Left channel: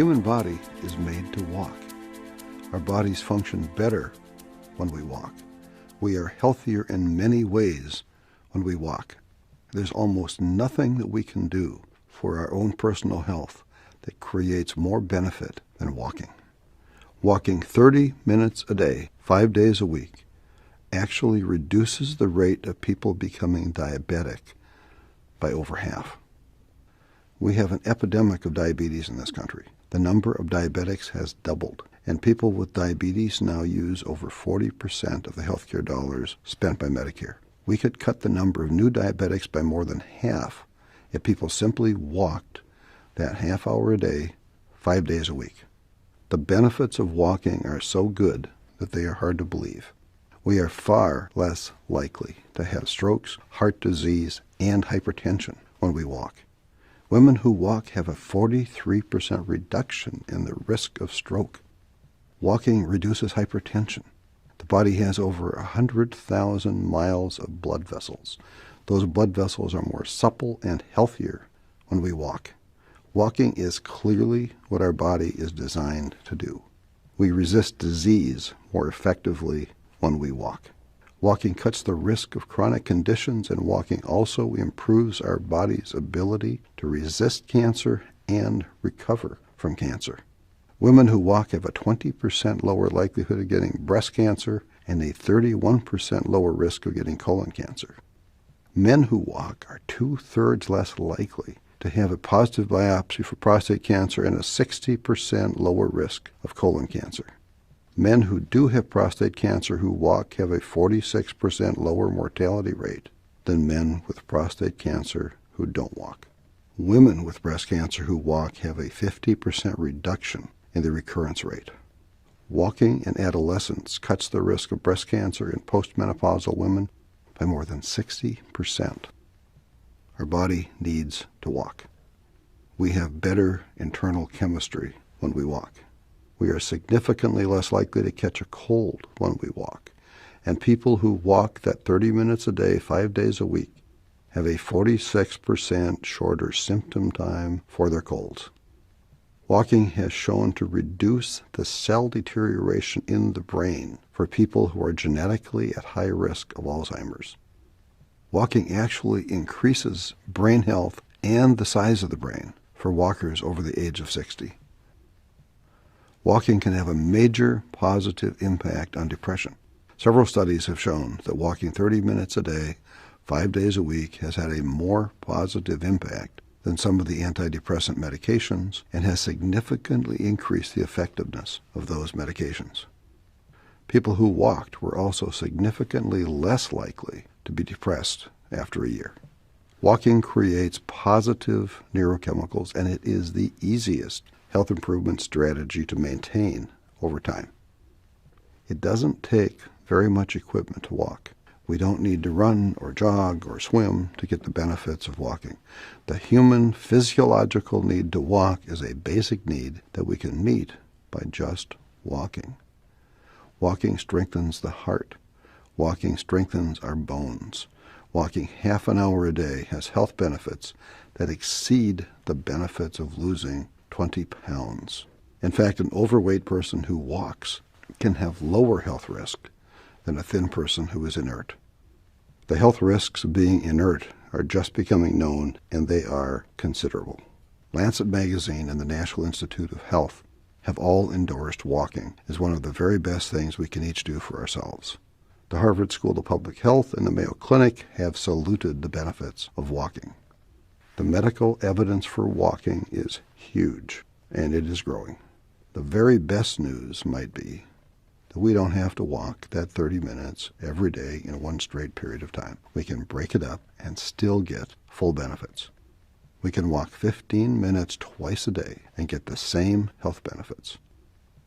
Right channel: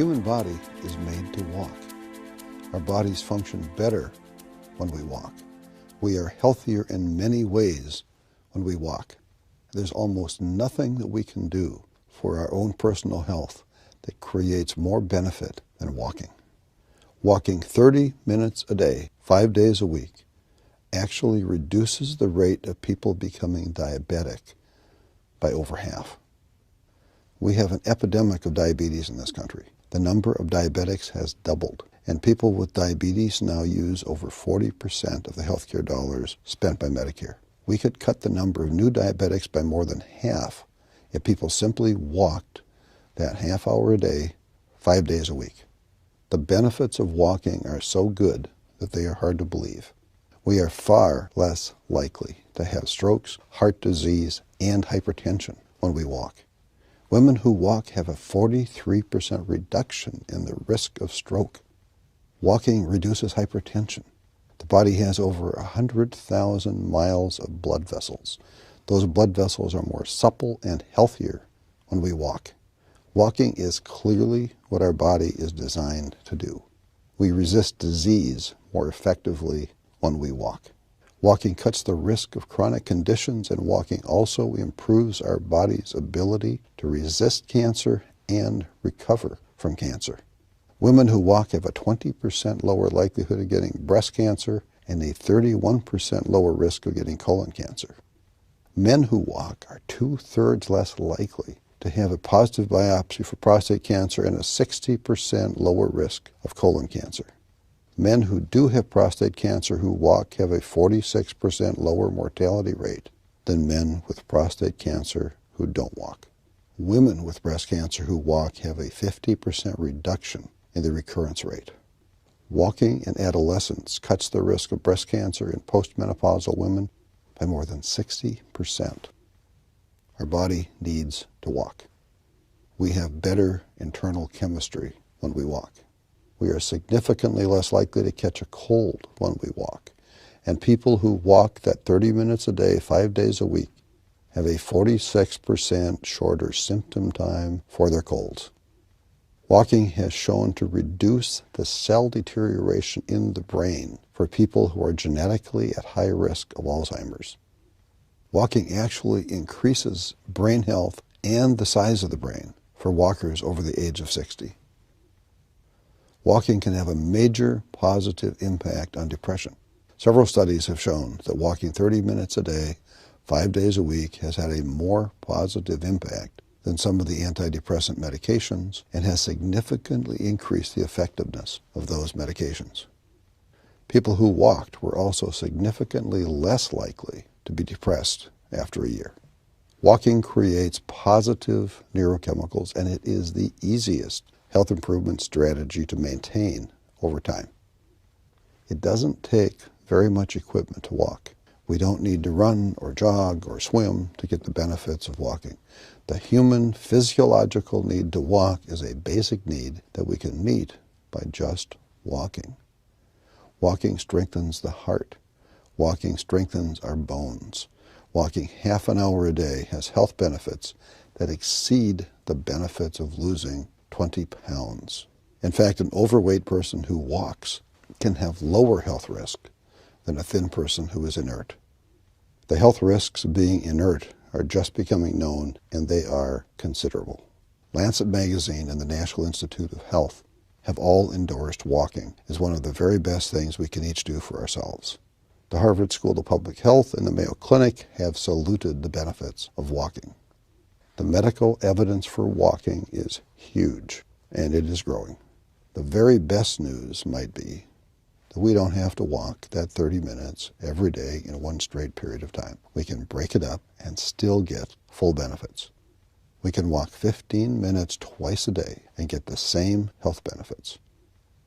human body is made to walk. Our bodies function better when we walk. We are healthier in many ways when we walk. There's almost nothing that we can do for our own personal health that creates more benefit than walking. Walking 30 minutes a day, 5 days a week, actually reduces the rate of people becoming diabetic by over half. We have an epidemic of diabetes in this country. The number of diabetics has doubled, and people with diabetes now use over 40% of the healthcare dollars spent by Medicare. We could cut the number of new diabetics by more than half if people simply walked that half hour a day, 5 days a week. The benefits of walking are so good that they are hard to believe. We are far less likely to have strokes, heart disease, and hypertension when we walk. Women who walk have a 43% reduction in the risk of stroke. Walking reduces hypertension. The body has over 100,000 miles of blood vessels. Those blood vessels are more supple and healthier when we walk. Walking is clearly what our body is designed to do. We resist disease more effectively when we walk. Walking cuts the risk of chronic conditions, and walking also improves our body's ability to resist cancer and recover from cancer. Women who walk have a 20% lower likelihood of getting breast cancer and a 31% lower risk of getting colon cancer. Men who walk are 2/3 less likely to have a positive biopsy for prostate cancer and a 60% lower risk of colon cancer. Men who do have prostate cancer who walk have a 46% lower mortality rate than men with prostate cancer who don't walk. Women with breast cancer who walk have a 50% reduction in the recurrence rate. Walking in adolescence cuts the risk of breast cancer in postmenopausal women by more than 60%. Our body needs to walk. We have better internal chemistry when we walk. We are significantly less likely to catch a cold when we walk. And people who walk that 30 minutes a day, 5 days a week, have a 46% shorter symptom time for their colds. Walking has shown to reduce the cell deterioration in the brain for people who are genetically at high risk of Alzheimer's. Walking actually increases brain health and the size of the brain for walkers over the age of 60. Walking can have a major positive impact on depression. Several studies have shown that walking 30 minutes a day, 5 days a week, has had a more positive impact than some of the antidepressant medications and has significantly increased the effectiveness of those medications. People who walked were also significantly less likely to be depressed after a year. Walking creates positive neurochemicals, and it is the easiest health improvement strategy to maintain over time. It doesn't take very much equipment to walk. We don't need to run or jog or swim to get the benefits of walking. The human physiological need to walk is a basic need that we can meet by just walking. Walking strengthens the heart. Walking strengthens our bones. Walking half an hour a day has health benefits that exceed the benefits of losing 20 pounds. In fact, an overweight person who walks can have lower health risk than a thin person who is inert. The health risks of being inert are just becoming known, and they are considerable. Lancet Magazine and the National Institute of Health have all endorsed walking as one of the very best things we can each do for ourselves. The Harvard School of Public Health and the Mayo Clinic have saluted the benefits of walking. The medical evidence for walking is huge, and it is growing. The very best news might be that we don't have to walk that 30 minutes every day in one straight period of time. We can break it up and still get full benefits. We can walk 15 minutes twice a day and get the same health benefits.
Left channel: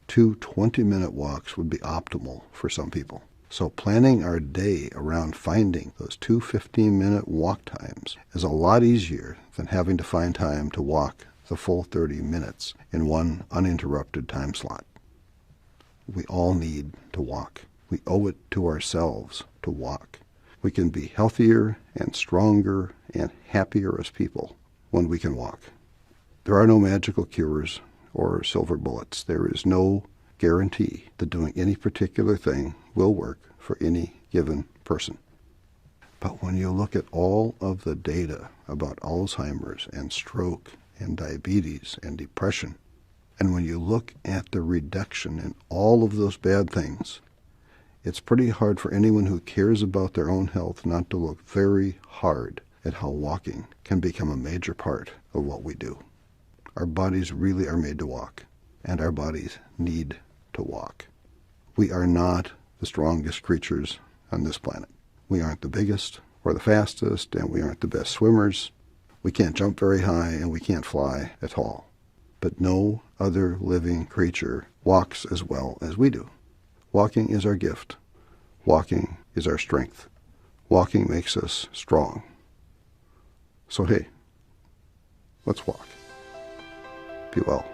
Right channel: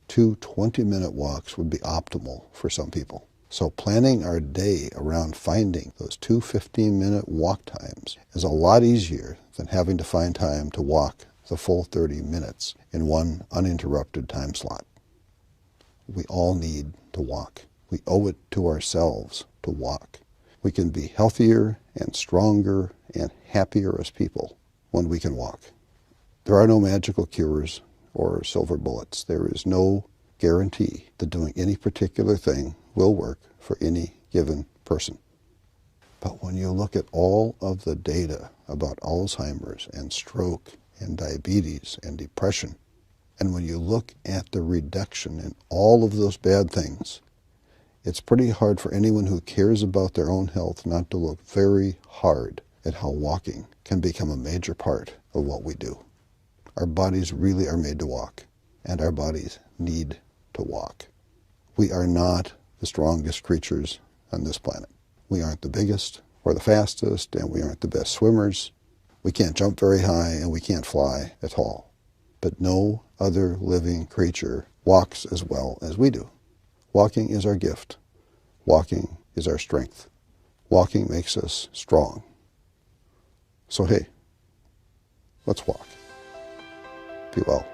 2 20-minute walks would be optimal for some people. So planning our day around finding those 2 15-minute walk times is a lot easier than having to find time to walk the full 30 minutes in one uninterrupted time slot. We all need to walk. We owe it to ourselves to walk. We can be healthier and stronger and happier as people when we can walk. There are no magical cures or silver bullets. There is no guarantee that doing any particular thing will work for any given person. But when you look at all of the data about Alzheimer's and stroke and diabetes and depression, and when you look at the reduction in all of those bad things, it's pretty hard for anyone who cares about their own health not to look very hard at how walking can become a major part of what we do. Our bodies really are made to walk, and our bodies need to walk. We are not the strongest creatures on this planet. We aren't the biggest or the fastest, and we aren't the best swimmers. We can't jump very high, and we can't fly at all. But no other living creature walks as well as we do. Walking is our gift. Walking is our strength. Walking makes us strong. So hey, let's walk. Be well.